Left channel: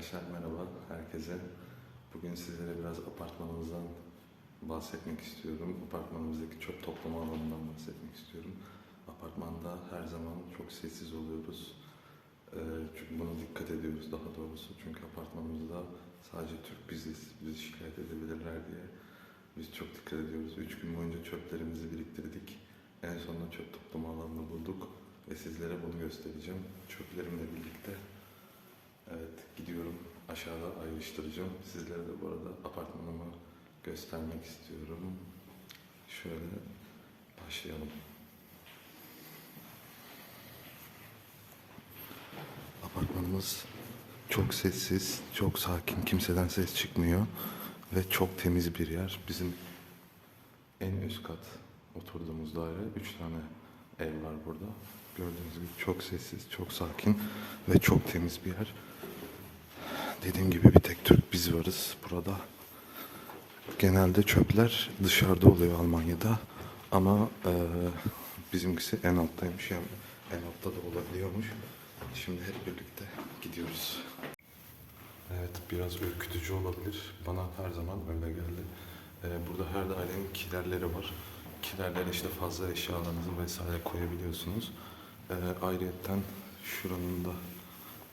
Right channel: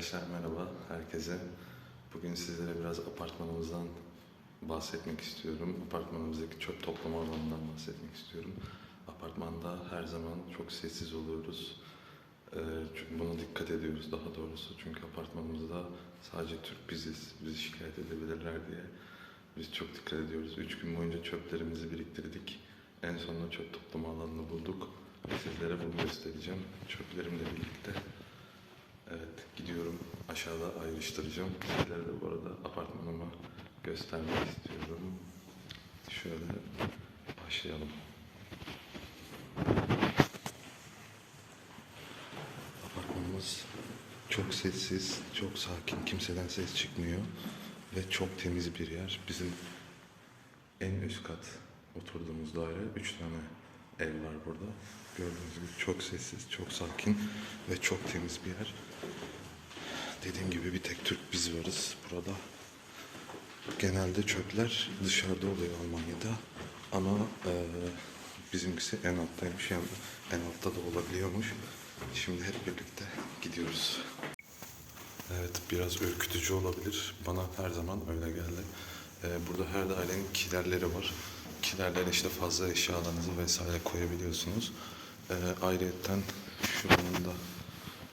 Arkadaşlar merhaba herkese. Bugün sizlere biraz apartmanımızdan bahsetmek istiyorum. Apartmanımızdaki çöp toplama alanından bahsetmek istiyorum. Apartmanda her zaman çok sessiz oluyoruz. Ee, çünkü buna dikkat ediyoruz daha doğrusu. Çünkü apartmanımızda sadece Türk biziz. Bizi şikayet edebilirler diye. Biz çok dikkat ediyoruz. Üç gün boyunca çöplerimizi biriktirdik. En sonunda çöp toplama alanını bulduk. Ve sizlere bunu göstereceğim. Çöplerimle birlikte. Gidiyorum. Aşağıda ayrıştıracağım. Sizlere de bu arada apartmanımı göstermek istiyorum. Şöyle başlayalım. Apartmanımız çok sessiz, çok sakin, kimseden ses çıkmıyor ve çok temiz bir yer. Bizim en üst kat oturduğumuz daire, üç tane ev var burada. Gördüğünüz gibi çok sessiz, çok sakin ve çok temiz bir yer. Dediğim gibi bir tek Türk biz varız burada. Genelde çöpler dışarıda oluyor Almanya'da. Ama e, bizimkisi en alttaymış. Yani en altta da olabiliyormuş. Şimdi hep birlikte gidiyoruz. Evet biraz ürkütücü olabilir. Bana her zaman öyle geldi. Ee, burada her dairenin kilerleri var. Kilerlere işte fazla eşyalarınızı vesaire koyabiliyorsunuz. Ee, ayrıyetten şuranın da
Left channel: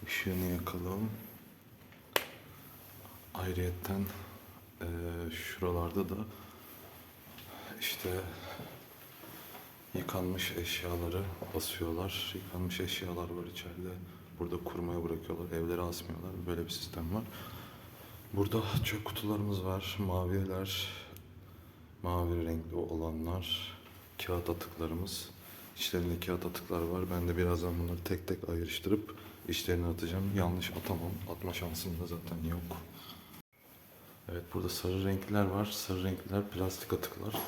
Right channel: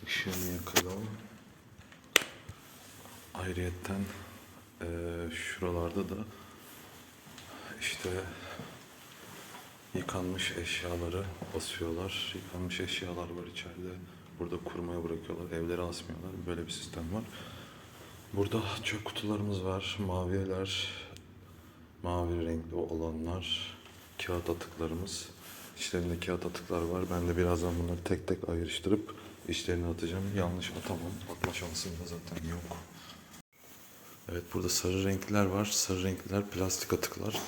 ışığını yakalım. Ayrıyetten eee, şuralarda da işte yıkanmış eşyaları asıyorlar. Yıkanmış eşyalar var içeride. Burada kurmaya bırakıyorlar. Evlere asmıyorlar. Böyle bir sistem var. Burada çöp kutularımız var. Maviler, mavi renkli olanlar, kağıt atıklarımız. İçlerinde kağıt atıklar var. Ben de birazdan bunları tek tek ayrıştırıp içlerine atacağım. Yanlış atamam. Atma şansım da zaten yok. Evet burada sarı renkliler var. Sarı renkliler plastik atıklar.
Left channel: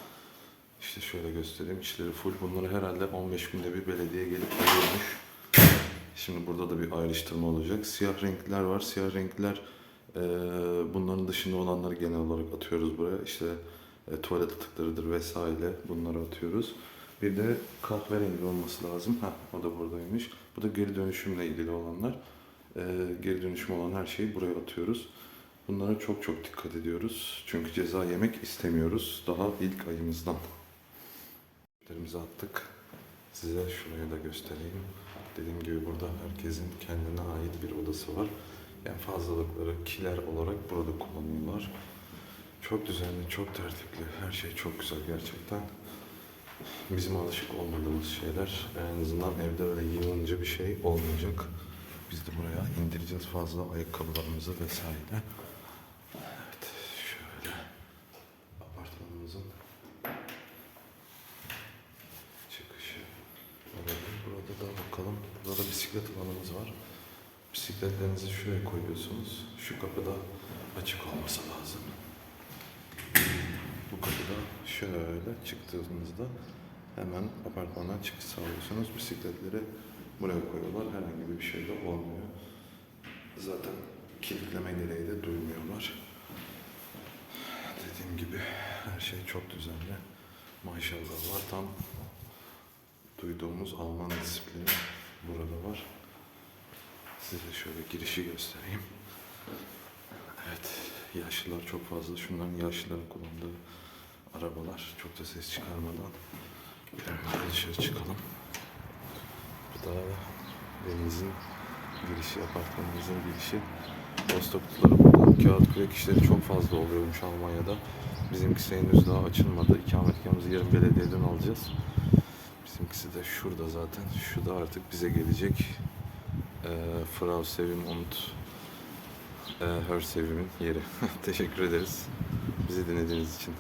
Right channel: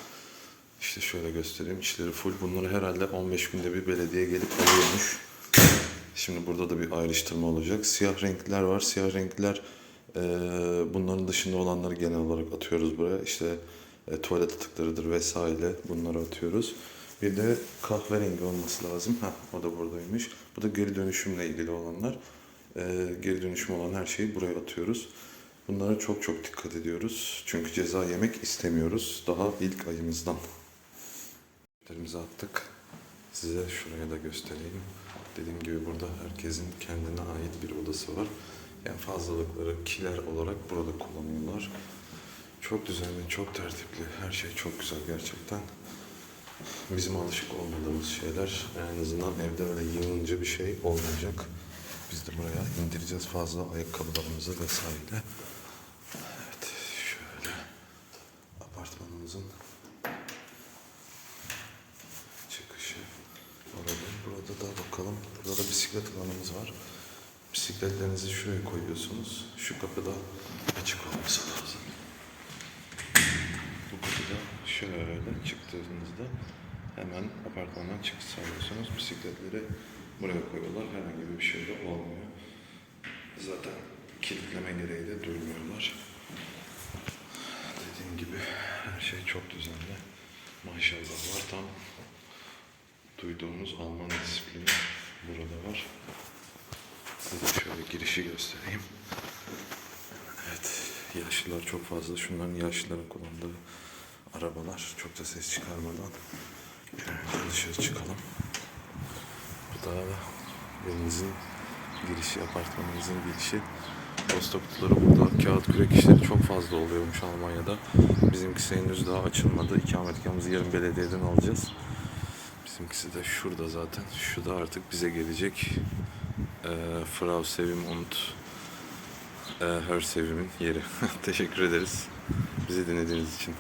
İşte şöyle göstereyim. İçleri full. Bunları herhalde 15 günde bir belediye gelip alıyormuş. Şimdi burada da bir ayrıştırma olacak. Siyah renkliler var. Siyah renkliler eee, bunların dışında olanları genel olarak atıyoruz buraya. İşte e, tuvalet atıklarıdır vesaire bunları atıyoruz. Bir de kahverengi olması lazım. Ha, o da buradaymış. Bu da geri dönüşümle ilgili olanlar. Eee, geri dönüşüm olan her şeyi buraya atıyoruz. Bunlara çok çok dikkat ediyoruz. Çünkü ceza yemek istemiyoruz. Daha ilk ayımızdan. Çöplerimizi attık. Size şurayı da göstereyim. Dediğim gibi burada herkesin kendine ait bir odası var. Yani fazlalıkları kiler olarak burada kullanıyorlar. Çok düzenli, çok tertipli. Her şey çok güzel gerçekten. Bizim alışık olmadığımız şeyler. En azından evde öyle yığınca bir şey olmayacak. Biz de buraya indireceğiz fazla ayakkabılarımızı vesaire. Evet, şöyle apartmanımızın çıkışı olabilir. Burada da bakalım. Burada da bisiklet alanımız var. Bisikletlerinizi şuraya koyuyorsunuz. Şu kapıda açık olması lazım. Bu kapıda şöyle çıktığınızda hemen apartmandan çıkış sağlıyorsunuz. Bisikletleri buraya koyuyorlar. Herhangi bir şey de olmuyor. Zaten kilitleme gereği de duymuyorlar. Dediğim gibi her şey çok düzenli. Maşallah var tam duyduğumuz Alman disiplini burada var. Size şöyle girişi göstereyim. Evet, yaşlılar çok fazla. Şunların yaşlıların kullandığı arabalar. Çok da ses çıkarmadan önce dışarı çıkalım. Bu da evimizin girişi, apartmanımızın girişi. Posta kutuları burada. Kağıt kürek işleri çok fazla oluyormuş Almanya'da. Bizimkisi henüz daha açılmadı. İkametgahımızı yarın belediyeden alacağız. Bizimkisi de şurada zaten. Şu da artık bize gelecek. Ee, Frau Sevim und e, Her Sevim'in yeri. Teşekkür ederiz. Bizi dinlediğiniz için.